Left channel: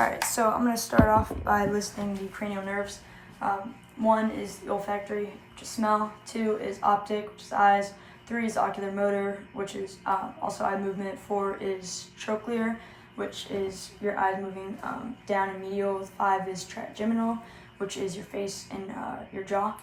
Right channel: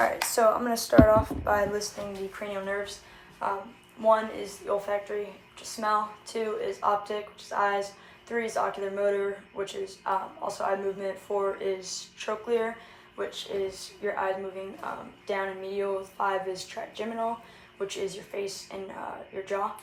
Alright, so I'm going to start off by listing the cranial nerves. 1 is the olfactory, which is smell. 2 is optic, which is eyes. 3 is ocular motor, which is also eye movement. 4 is trochlear, which is your eyes moving down and medial. 5 is trigeminal, which is your face and your jaw.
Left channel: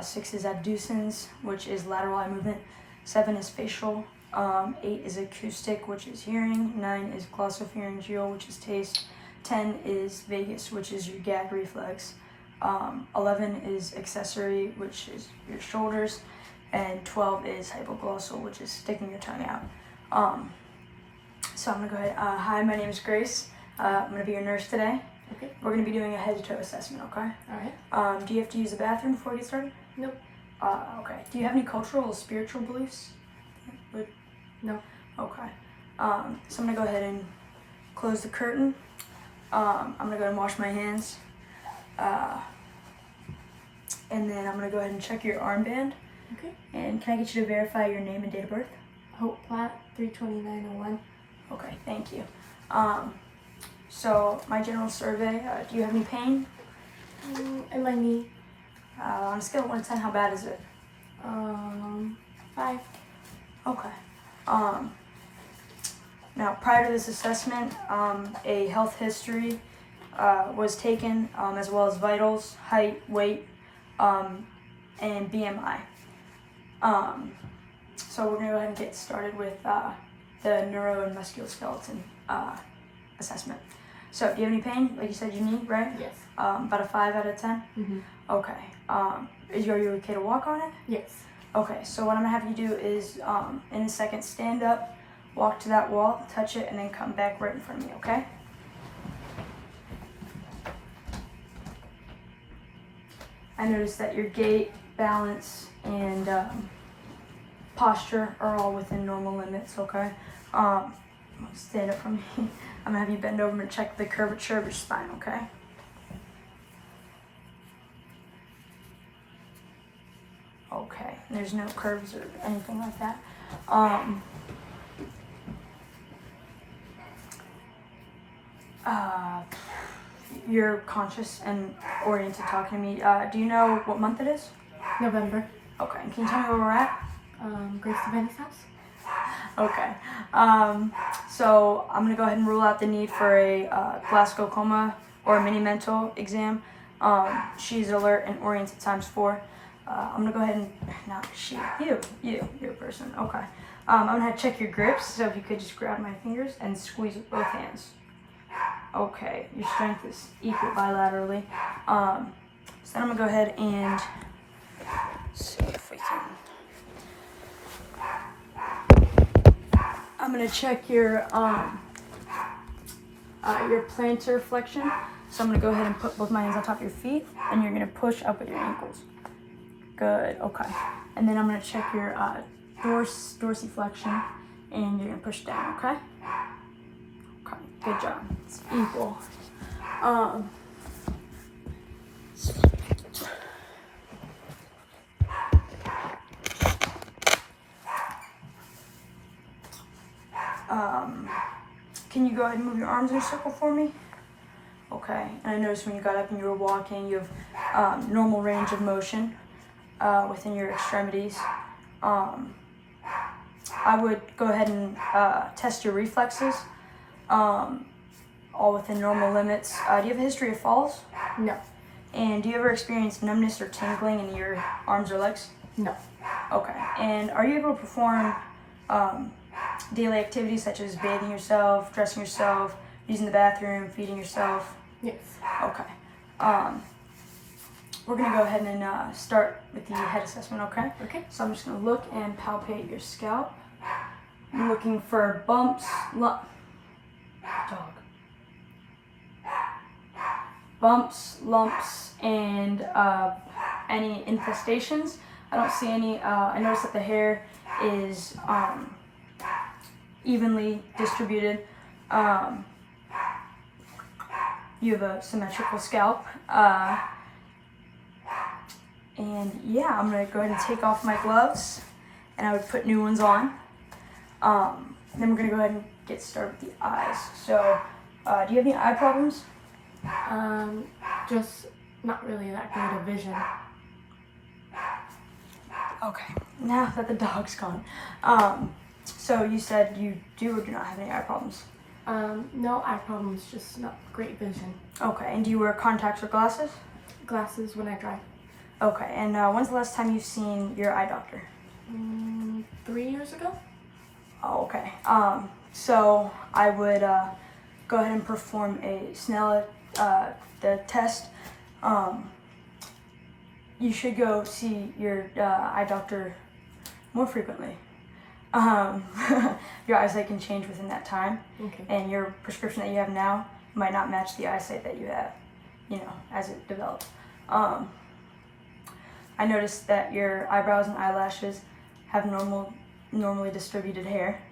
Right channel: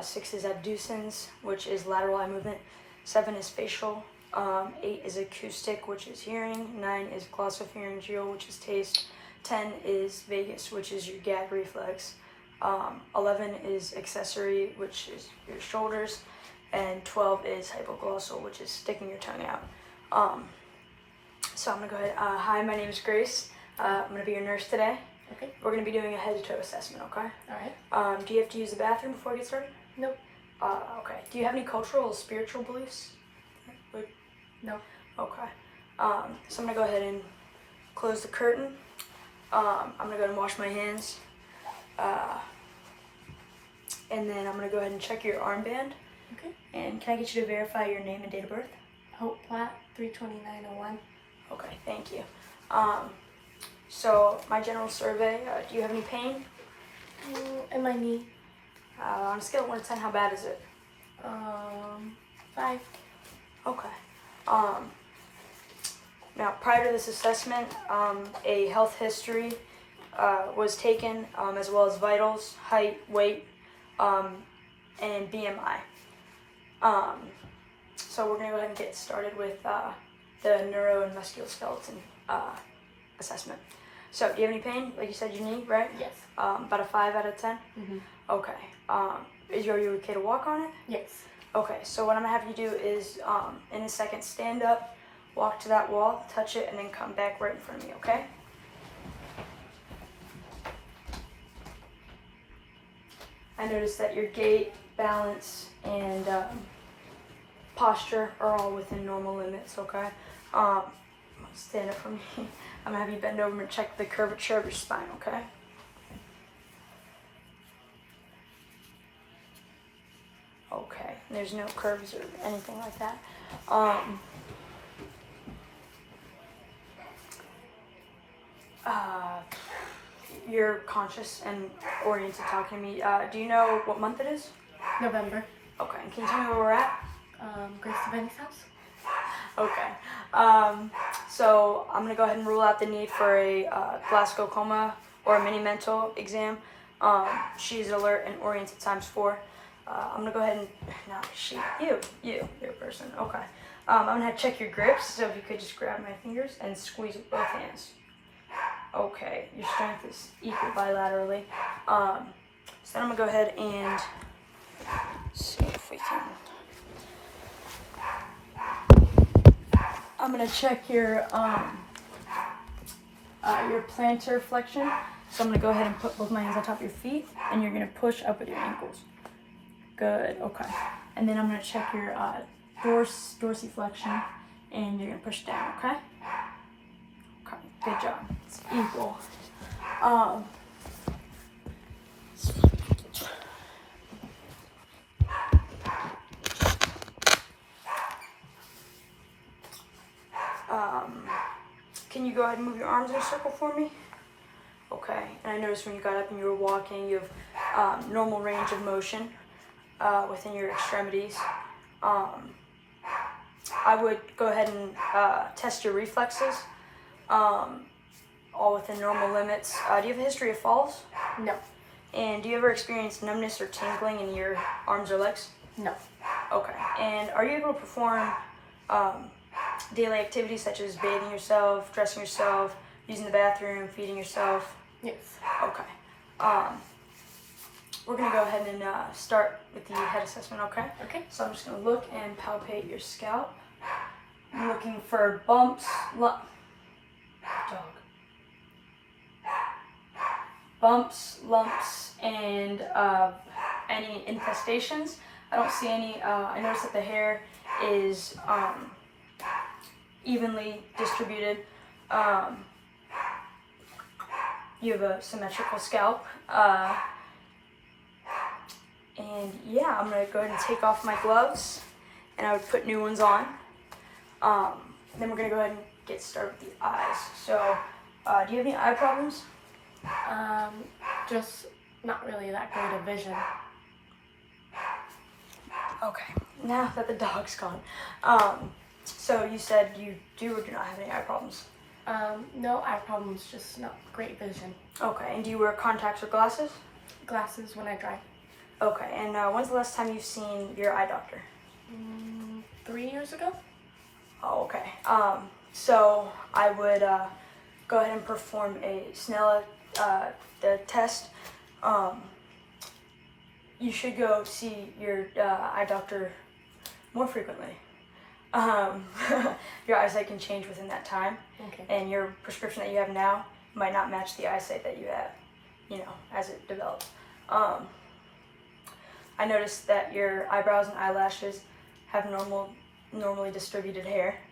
6 is abducens, which is lateral eye movement. 7 is facial. 8 is acoustic, which is hearing. 9 is glossopharyngeal, which is taste. 10 is vagus, which is your gag reflex. 11 is accessory, which is your shoulders. And 12 is hypoglossal, which is sticking your tongue out. So I'm going to go ahead. Hi, my name is Grace. I'm going to be your nurse today. Okay. We're going to be doing a head-to-toe assessment, okay? All right. Do you have to use the bathroom before we get started? Nope. Okay. Do you have any cultural or spiritual beliefs? No. Okay. So I'm going to go ahead and close the curtain. I'm going to go and wash my hands. And then I'm going to go ahead and check your armband. Okay. And can I get you to verify your name and date of birth? Hope Platt, 32901. Okay, thank you. So my general survey, do you have any pain? In my knee. On a scale of 1 to 10, how bad is it? 5. Okay. Now, prior to this assessment, a health history was taken, as well as vitals, height, weight, and BMI. So we're going to go ahead and get started with the neuro and musculoskeleton assessment. So, do you have any pain? Like you said, your knee, right? Yes. About a 5 out of 10? Mm-hmm. Okay. Are you okay to walk on it? Yes. Okay, so what I'm going to have you do is, in a second, stand up, walk to that wall, touch it, and then come back right in front of me, okay? I noticed that your gait, balance, and posture are all within normal limits, okay? Stand up from me. I'm going to have you bend over and check the curvature of your spine, okay? Okay, there's no curves or anything like that. You're conscious and oriented talking to me. Do you know what month it is? November. Okay, can you tell me where we're at? Grace Deveney's house. Okay. So I'm going to go ahead and rule out the need for a glaucoma or a mini mental exam. She's alert and oriented ×4. I'm going to go ahead and, not she, you're a person. Okay. I'm going to have to check your grips, so if you could just grab my fingers and squeeze with both hands. Okay, your strength is equal bilaterally. So then I'm going to go ahead and see if we can. I'm going to check your plantar flexion. So I'm going to go ahead and put both my hands on top of your feet, and you're going to push up with your ankles. Good, okay. And then I'm going to check your dorsiflexion, and you're going to push down, okay? Okay, good job. It's equal. Can you go ahead and move your arms in a circle for me? Okay, and I noticed when you got up and you were walking, you have normal range of motion within your extremities. I would go ahead and test your reflexes, all within normal limits. Do you have a history of falls? No. And do you ever experience numbness or tingling in your arms or legs? No. Okay, and are you able to perform daily activities such as bathing yourself, dressing yourself, using the bathroom, feeding yourself? Yes. Okay. We're going to go ahead and start with the head assessment, okay? Okay. So I'm just going to look and palpate your scalp. I'm looking for bumps, lumps, and any infestations. I don't see any. I notice that the hair is evenly distributed. You have a symmetrical scalp. And yeah, I'm going to go ahead and take off my gloves, and I would put new ones on. Then we're going to go ahead and get started with the eyes. So Do you have any eye problems? Just not really that great of vision. Okay, now that the dog's gone. So you said you do or do not have any eye problems? No eye problems, just not great vision. Okay, and do you wear contacts or glasses? Glasses when I drive. Okay, and when's the last time you've seen your eye doctor? 3 years ago? Oh, okay. So I would go ahead and perform a Snella the test. You should go see your eye doctor more frequently. Your eyesight can change within that time, Okay. and your prescription that you have now might not match the eyesight that you have, as it develops. I noticed that your eyebrows and eyelashes have normally distributed hair.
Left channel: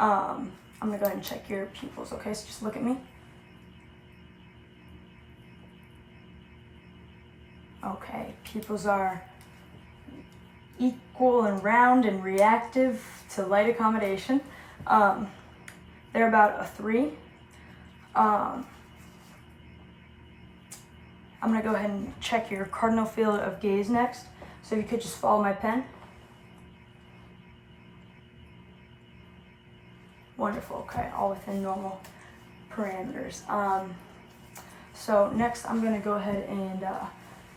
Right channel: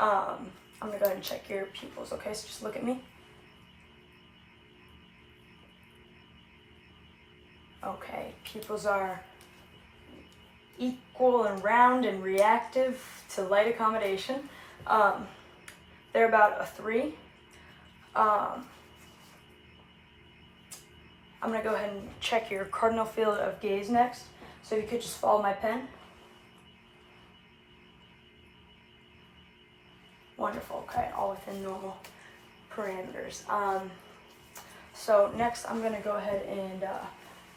I'm gonna go ahead and check your pupils, okay? So just look at me. Okay, pupils are equal and round and reactive to light accommodation. They're about a 3. I'm gonna go ahead and check your cardinal field of gaze next. So you could just follow my pen. Wonderful, okay, all within normal parameters. So next I'm gonna go ahead and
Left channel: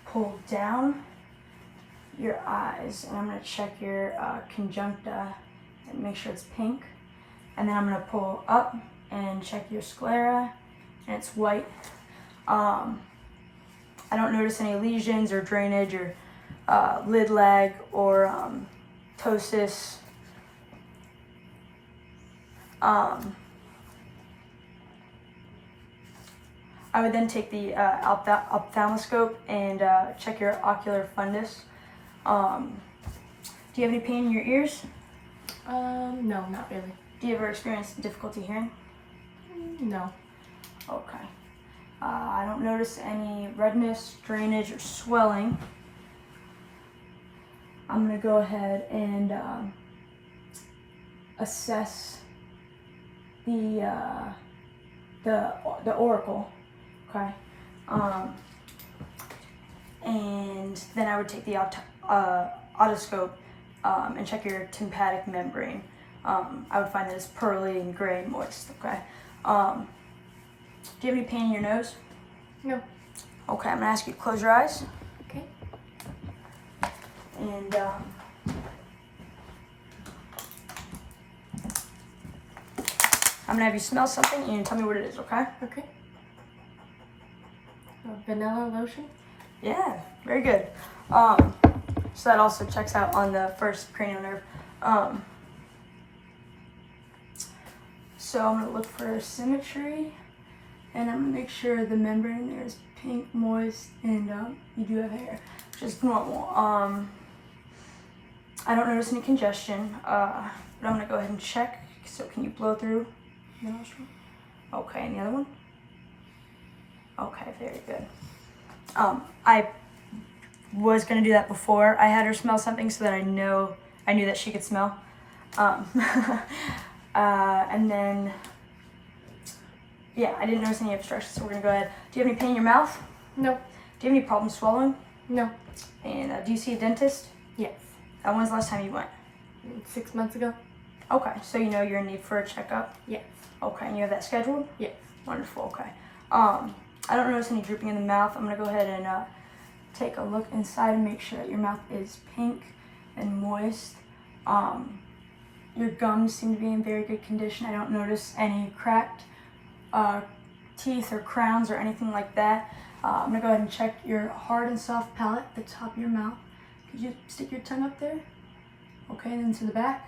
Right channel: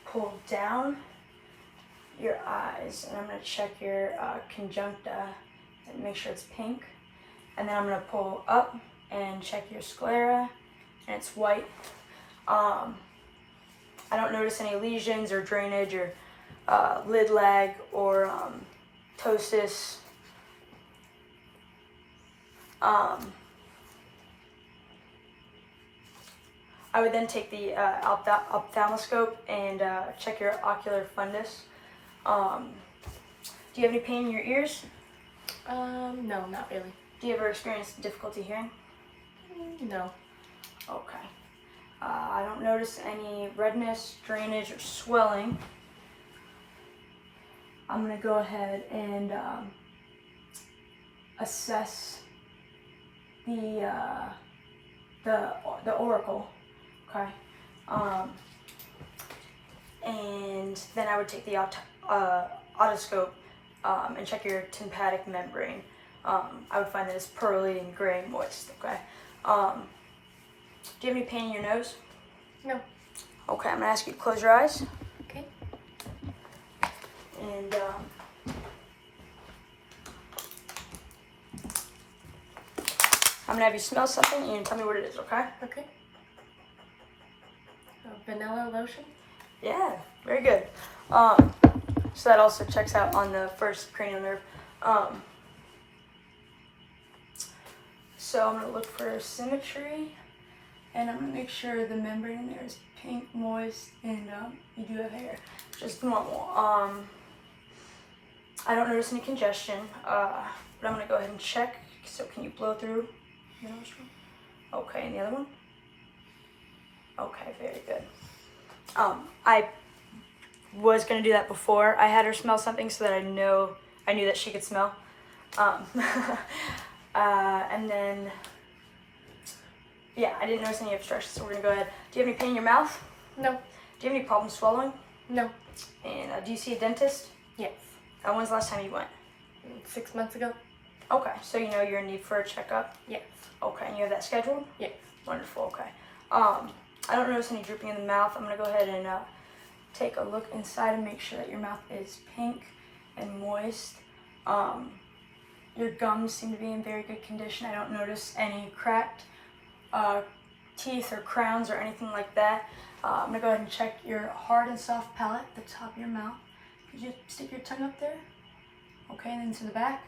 pull down your eyes, and I'm gonna check your conjuncta and make sure it's pink. And then I'm gonna pull up and check your sclera, and it's white. I don't notice any lesions or drainage or lid lag or ptosis. I would then take the ophthalmoscope and check your ocular fundus. Do you have any pain in your ears? No, not really. Do you ever experience difficulty hearing? No. Okay. I don't notice any redness, drainage, or swelling. I'm gonna go ahead and assess the auricle. Okay. And then I would take the otoscope and check your tympanic membrane. I would find that it's pearly and gray and moist. Okay. Do you have any pain in your nose? No. Okay, I'm gonna ask you to close your eyes. Okay. And I'm gonna have you smell something and tell me what it is, okay? Okay. Vanilla lotion? Yeah, very good. So that also checks out on the first cranial nerve. So I'm gonna look for symmetry, and I'm gonna make sure the membrane in there is pink, moist, and you do have hair, just normal. I don't notice any congestion, but I'm gonna go ahead and check. So can you blow through your nostril? Okay, and the other one? Okay, very good. I was gonna do that before I had her smell something so that I knew that she could smell. And then, yeah, I didn't notice any obstructions, so we're gonna go ahead. Do you have any pain in your mouth? No. Do you have any problems swallowing? No. And do you see a dentist? Yes. When's the last time you went? 6 months ago? Okay, so you know you're in need for a checkup? Yes. Okay, and you have that scheduled? Yes. Wonderful, okay. I don't notice any drooping in the mouth. I'm gonna go ahead and take a look inside and make sure that your mouth is pink and moist. Your gums seem to be in very good condition. I don't notice any cracked teeth or crowns or anything like that. I'm gonna go ahead and check your hard and soft palate, the top of your mouth. Could you stick your tongue up there? Okay, and then to the back.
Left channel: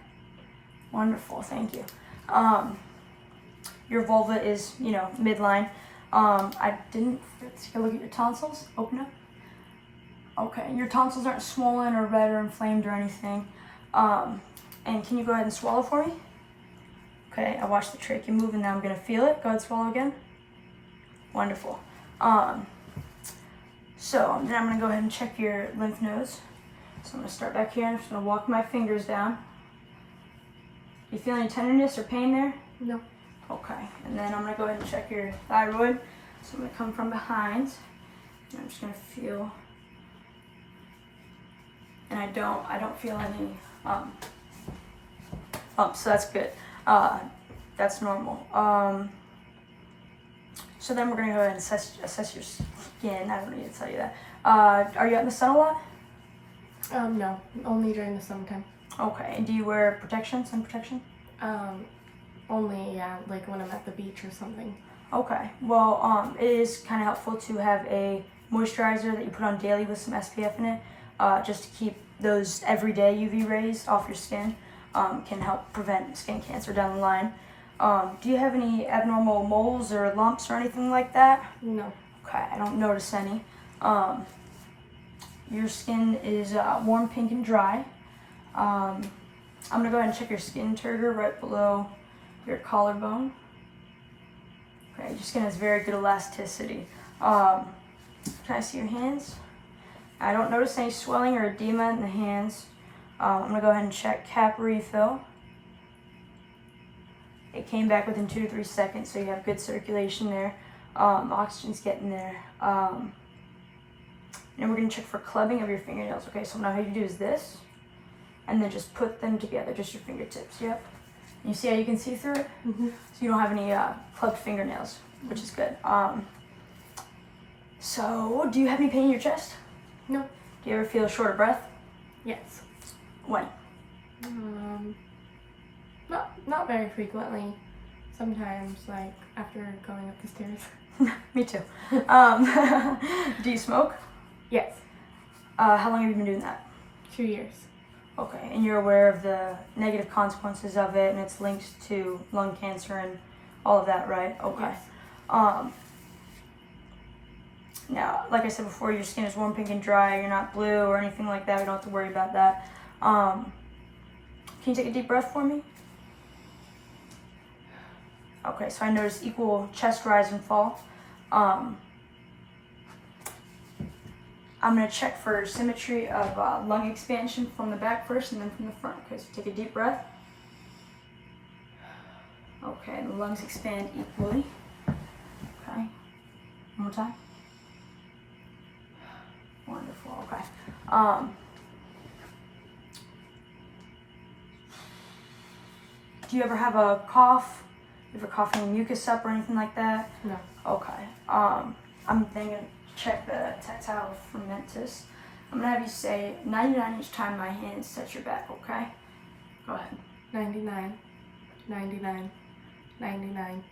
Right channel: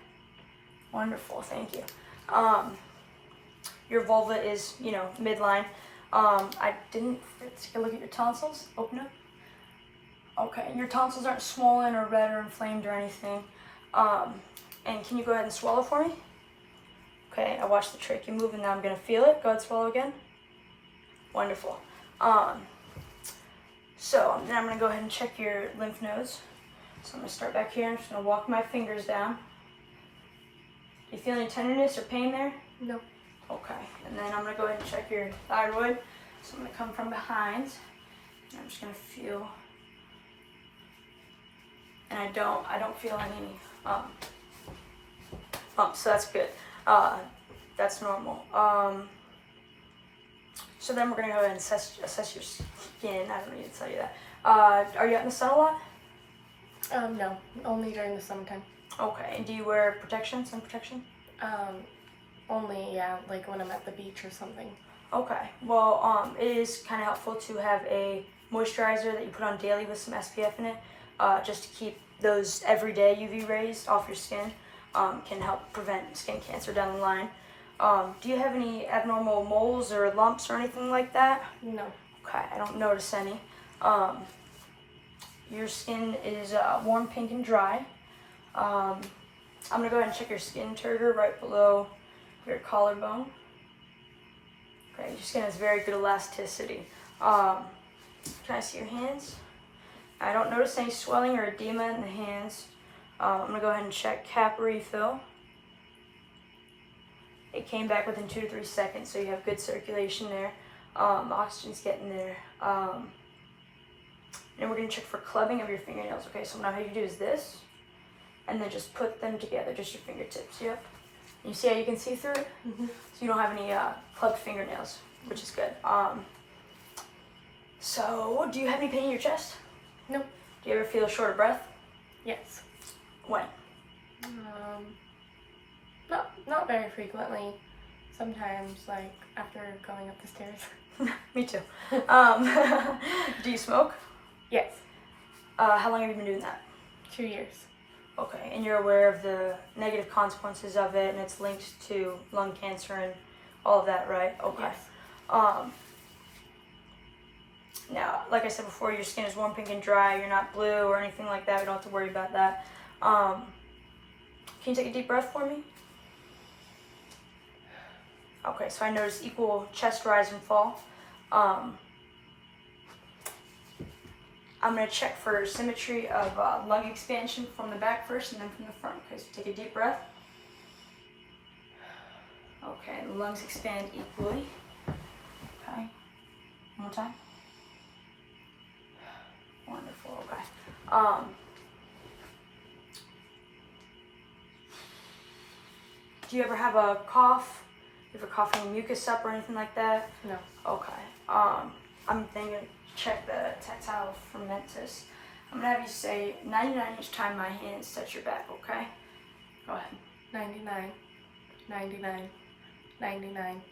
Wonderful, thank you. Your vulva is, midline. I didn't take a look at your tonsils. Open up. Okay, your tonsils aren't swollen or red or inflamed or anything. And can you go ahead and swallow for me? Okay, I watched the trachea move and now I'm gonna feel it. Go ahead, swallow again. Wonderful. So then I'm gonna go ahead and check your lymph nodes. So I'm gonna start back here. I'm just gonna walk my fingers down. Do you feel any tenderness or pain there? No. Okay, and then I'm gonna go ahead and check your thyroid. So I'm gonna come from behind, and I'm just gonna feel, and I don't feel any bumps, so that's good. That's normal. So then we're gonna go ahead and assess your skin. I don't need to tell you that. Are you out in the sun a lot? No, only during the summertime. Okay, and do you wear protection, sun protection? Only, yeah, like when I'm at the beach or something. Okay, well, it is kind of helpful to have a moisturizer that you put on daily with some SPF in it, just to keep those everyday UV rays off your skin. Can help prevent skin cancer down the line. Do you have any abnormal moles or lumps or anything like that? No. Okay, I don't notice any. Your skin is warm, pink, and dry. I'm gonna go ahead and check your skin turgor right below your collarbone. Okay, your skin has very good elasticity. Can I see your hands? I don't notice any swelling or edema in the hands. I'm gonna go ahead and check cap refill. It came back within 2 to 3 seconds, so you have good circulation there. Oxygen's getting there. And we're gonna check for clubbing of your fingernails. Okay, so now how you do is this, and then just put them together, just your fingertips. Yep. And you see how you can see through it? Mm-hmm. So you don't have any clubbed fingernails, which is good. So do you have any pain in your chest? No. Do you ever feel short of breath? Yes. When? Not very frequently. Sometimes, like after going up the stairs. Me too. Do you smoke? Yes. How long have you been doing that? 2 years. Okay, and you're aware of the negative consequences of it, and it's linked to lung cancer and all of that, right? Okay. Yes. Now, like I said before, your skin is warm, pink, and dry. You're not blue or anything like that. We don't have to worry about that. Can you take a deep breath for me? Okay, so I noticed equal chest rise and fall. I'm going to check for symmetry of lung expansion from the back first and then from the front. Okay, so take a deep breath. Okay, and the lungs expand equally. Okay, one more time. Wonderful, okay. Do you ever have a cough? You ever coughing mucus up or anything like that? No. Okay. I'm then gonna check the tactile fermentus. I'm gonna have you say 99 each time my hands touch your back, okay? Go ahead. 99, 99, 99,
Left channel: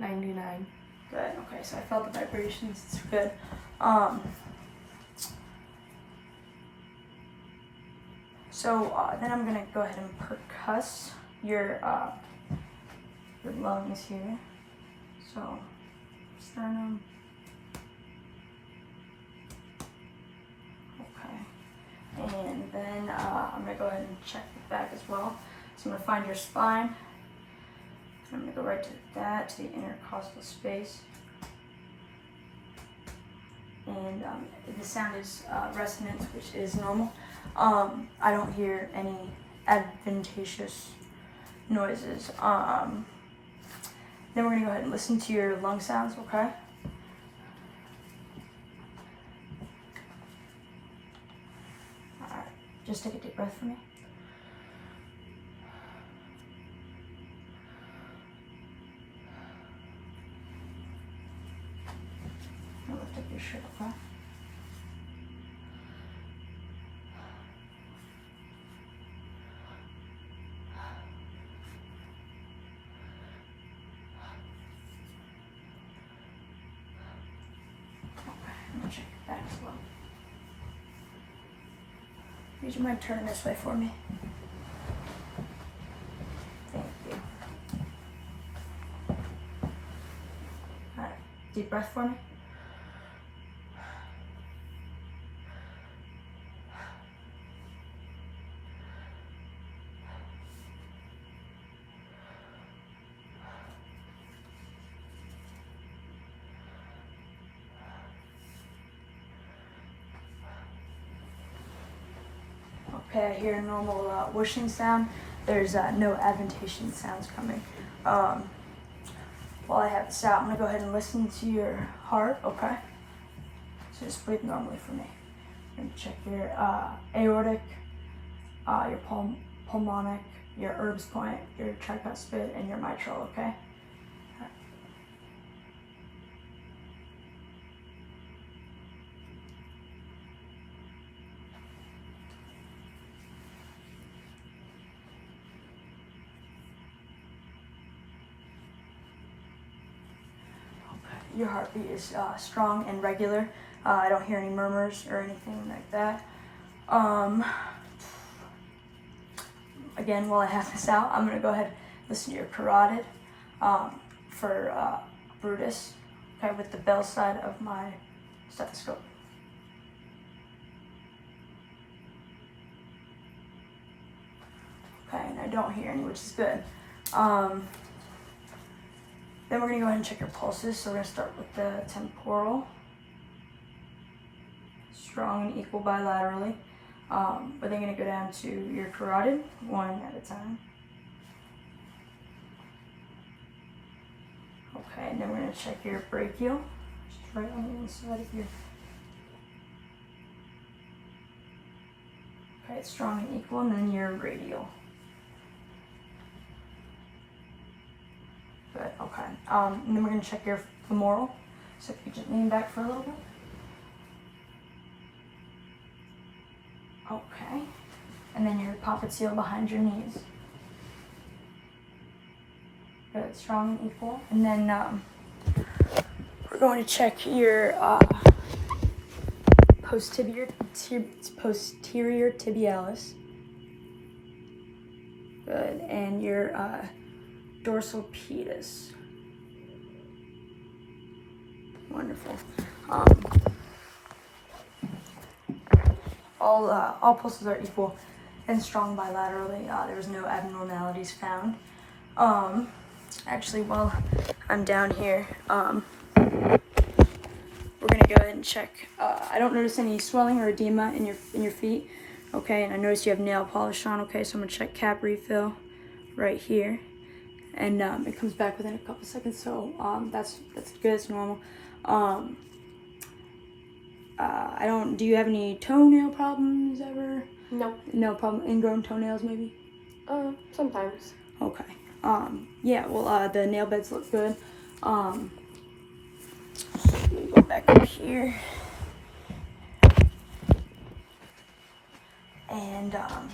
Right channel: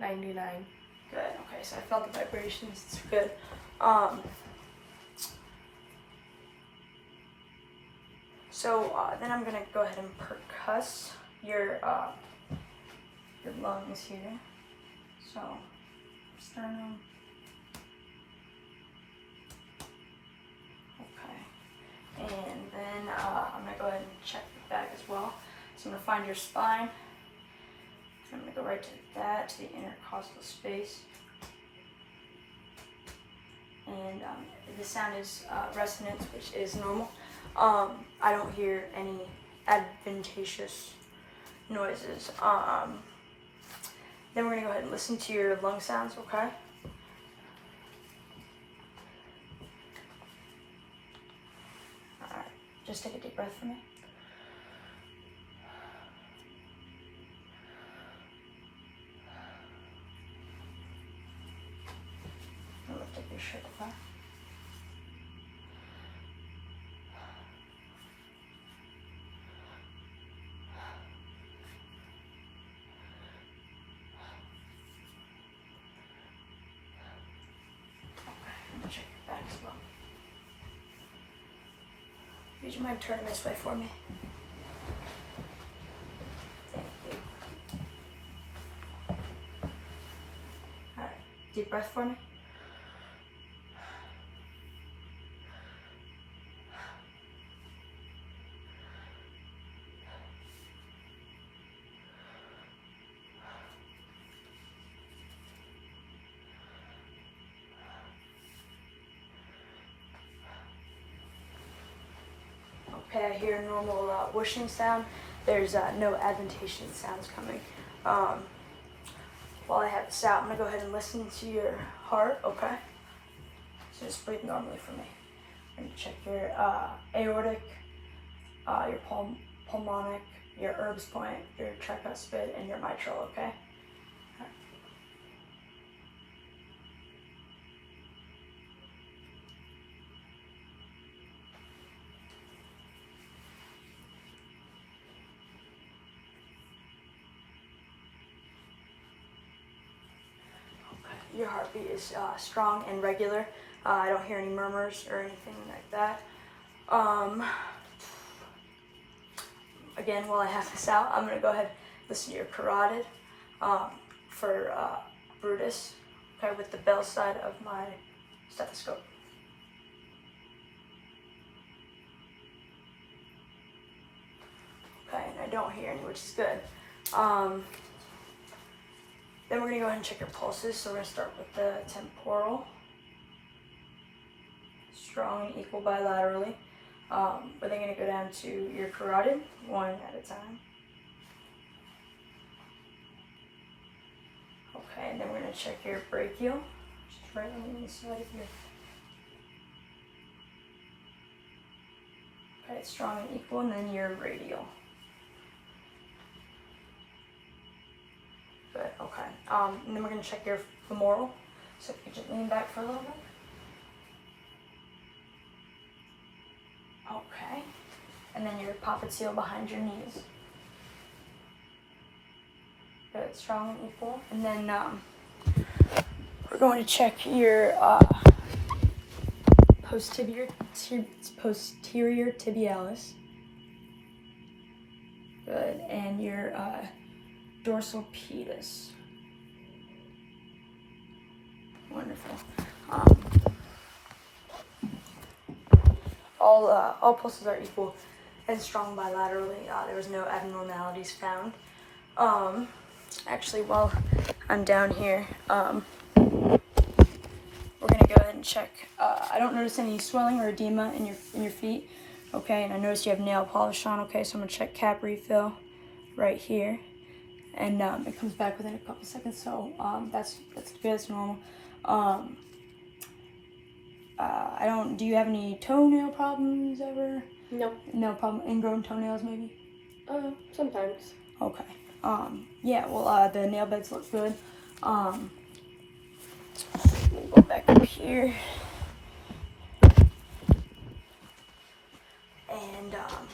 99. Good, okay, so I felt the vibrations, it's good. Then I'm gonna go ahead and percuss your lungs here. So, sternum. Okay. And then I'm gonna go ahead and check the back as well. So I'm gonna find your spine. I'm gonna go right to that, to the intercostal space. And the sound is resonance, which is normal. I don't hear any adventitious noises. Then we're gonna go ahead and listen to your lung sounds, okay? Alright, just take a deep breath for me. Now lift up your shirt, okay? Check your back as well. Would you mind turning this way for me? Thank you. Alright, deep breath for me. Okay, I hear a normal whooshing sound. There's no adventation sounds coming. while I have this out, I'm gonna go ahead and listen to your heart, okay? So just breathe normally for me. I'm gonna check your aortic, your pulmonic, your Erb's point, your tricuspid, and your mitral, okay? Your heartbeat is strong and regular. I don't hear any murmurs or anything like that. Again, while I have this out, I'm going to go ahead and listen to your carotid for Brutus, okay, with the bell side of my stethoscope. Okay, and I don't hear any, which is good. Then we're going to go ahead and check your pulses. So we're going to start with the temporal. Strong and equal bilaterally. We're then going to go down to your carotid, one at a time. Okay, and then we're going to check your brachial, just right on the inside of your. Okay, it's strong and equal, and then your radial. Good, okay. And then we're going to check your femoral. So if you just lean back for a little bit. Okay. And then your popliteal behind your knees. Good, strong and equal. And then we're going to check your posterior tibialis. Good, and your dorsal pedis. Wonderful. All pulses are equal and strong bilaterally. There was no abnormalities found. Actually, while I'm down here, we're gonna go ahead and check. I don't notice any swelling or edema in your feet. Okay, and I notice you have nail polish on. Okay, so I'm gonna check cap refill right here. And it comes back within a couple seconds, so that's good, it's normal. Do you have any toenail problems ever? No. No problem, ingrown toenails maybe? Sometimes. Okay. Yeah, well, the nail beds look good. Let me go back up here. And, I'm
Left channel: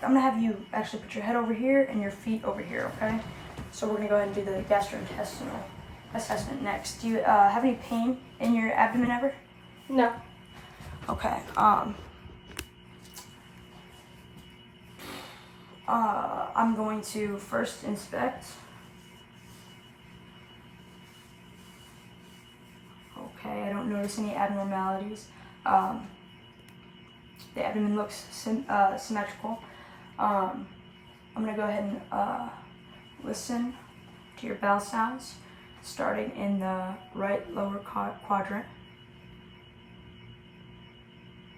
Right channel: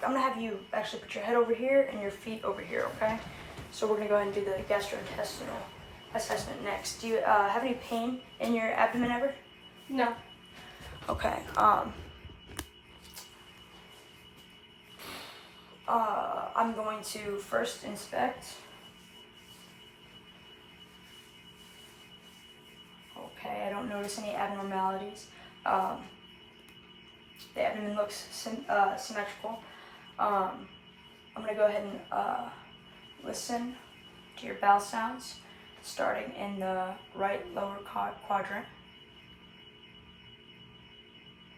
gonna have you actually put your head over here and your feet over here, okay? So we're gonna go ahead and do the gastrointestinal assessment next. Do you have any pain in your abdomen ever? No. Okay. I'm going to first inspect. Okay, I don't notice any abnormalities. The abdomen looks symmetrical. I'm going to go ahead and listen to your bowel sounds, starting in the right lower quadrant.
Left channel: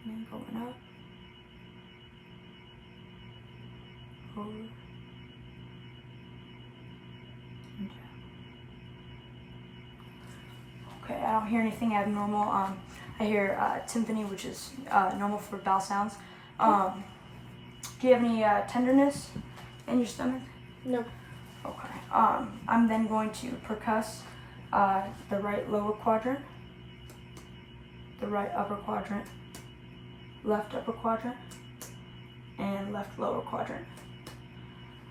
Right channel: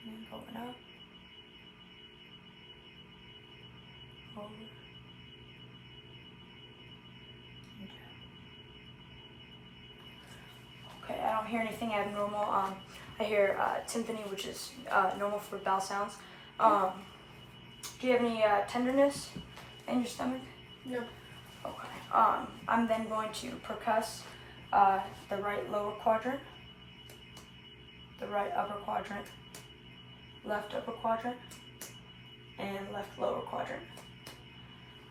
And going up. Over. And down. Okay, I don't hear anything abnormal. I hear timpani, which is normal for bowel sounds. Do you have any tenderness in your stomach? No. Okay. I'm then going to percuss the right lower quadrant, the right upper quadrant, left upper quadrant, and left lower quadrant.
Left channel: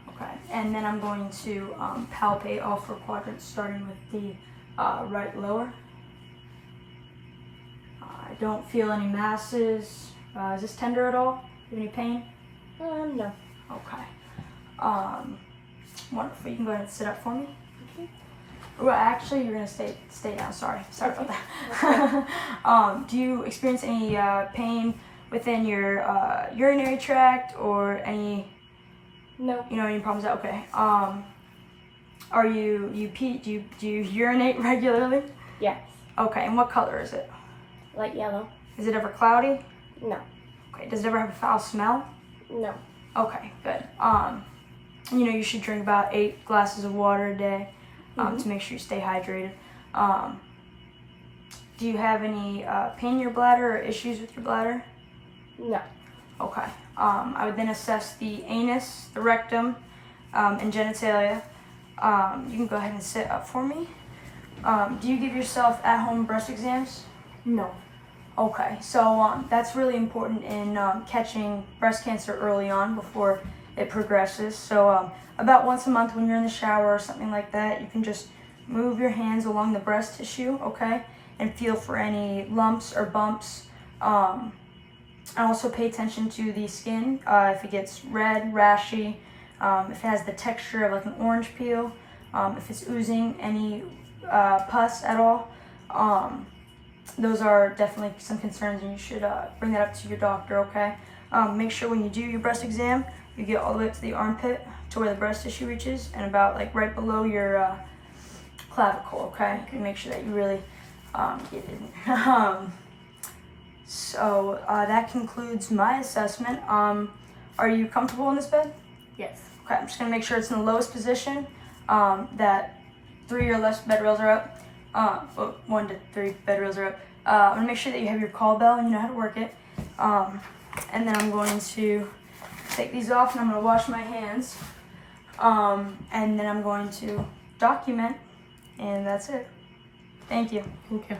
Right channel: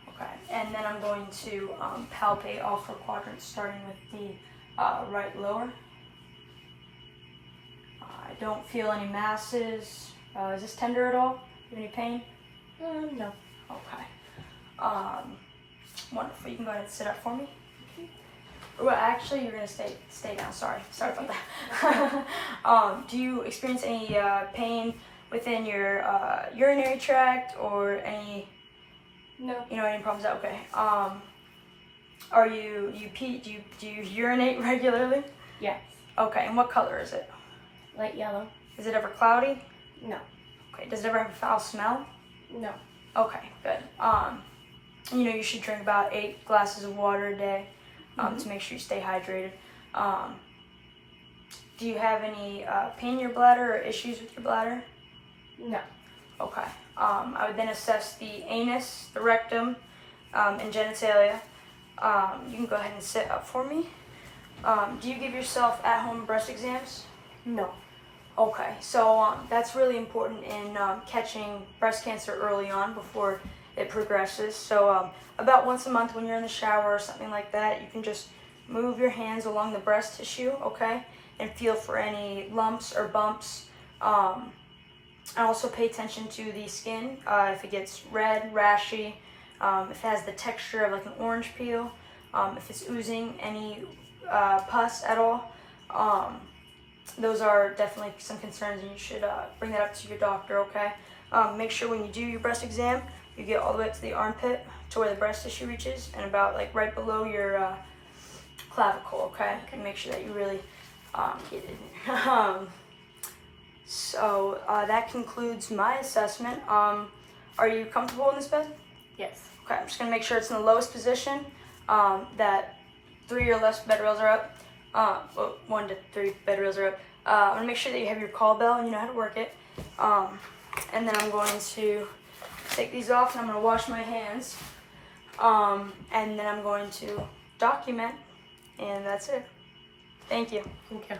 Okay. And then I'm going to palpate all four quadrants, starting with the right lower. I don't feel any masses. Is this tender at all? Do you have any pain? No. Okay. Wonderful. You can go ahead and sit up for me. Okay. Well, actually, you're gonna stay down. Sorry about that. Do you experience any pain within your urinary tract or any? No. Any problems? Okay. Are you pee? Do you urinate regularly? Yes. Okay. And what color is it? Light yellow. Is it ever cloudy? No. Okay. Does it ever have a foul smell? No. Okay. Good. You should drink about 8 glasses of water a day to make sure you stay hydrated. Do you have any pain in your bladder or issues with your bladder? No. Okay. I would then assess the anus, the rectum, and genitalia. You can go ahead and sit up for me. Do you give yourself at-home breast exams? No. Okay, so that's really important in catching breast cancer early on before it progresses. So about once a month when you're in the shower or something like that, you can just move your hands along the breast tissue, okay, and feel for any lumps or bumps. And also pay attention to the skin, if it gets red, rashy, if it has the texture of like an orange peel, if it's oozing any pus at all. Those are definitely some concerns, and you should bring that up to your doctor, okay? Make sure when you do your breast exam, you get all the way up to the armpit to where the breast tissue reaches and about like right below your clavicle, okay? And make sure that you really get it. So that concludes my assessment. Are you comfortable in this bed? Yes. Okay, I'm just gonna make sure it's in the lowest position, that 3 or less bed rails are up. Well, 1 to 3 bed rails are up. I'm gonna make sure that you have your call bell and you know how to work it. And then I'm going to take these off and I'm gonna wash my hands. And then I'm going to document, and that's it. Thank you. Thank you.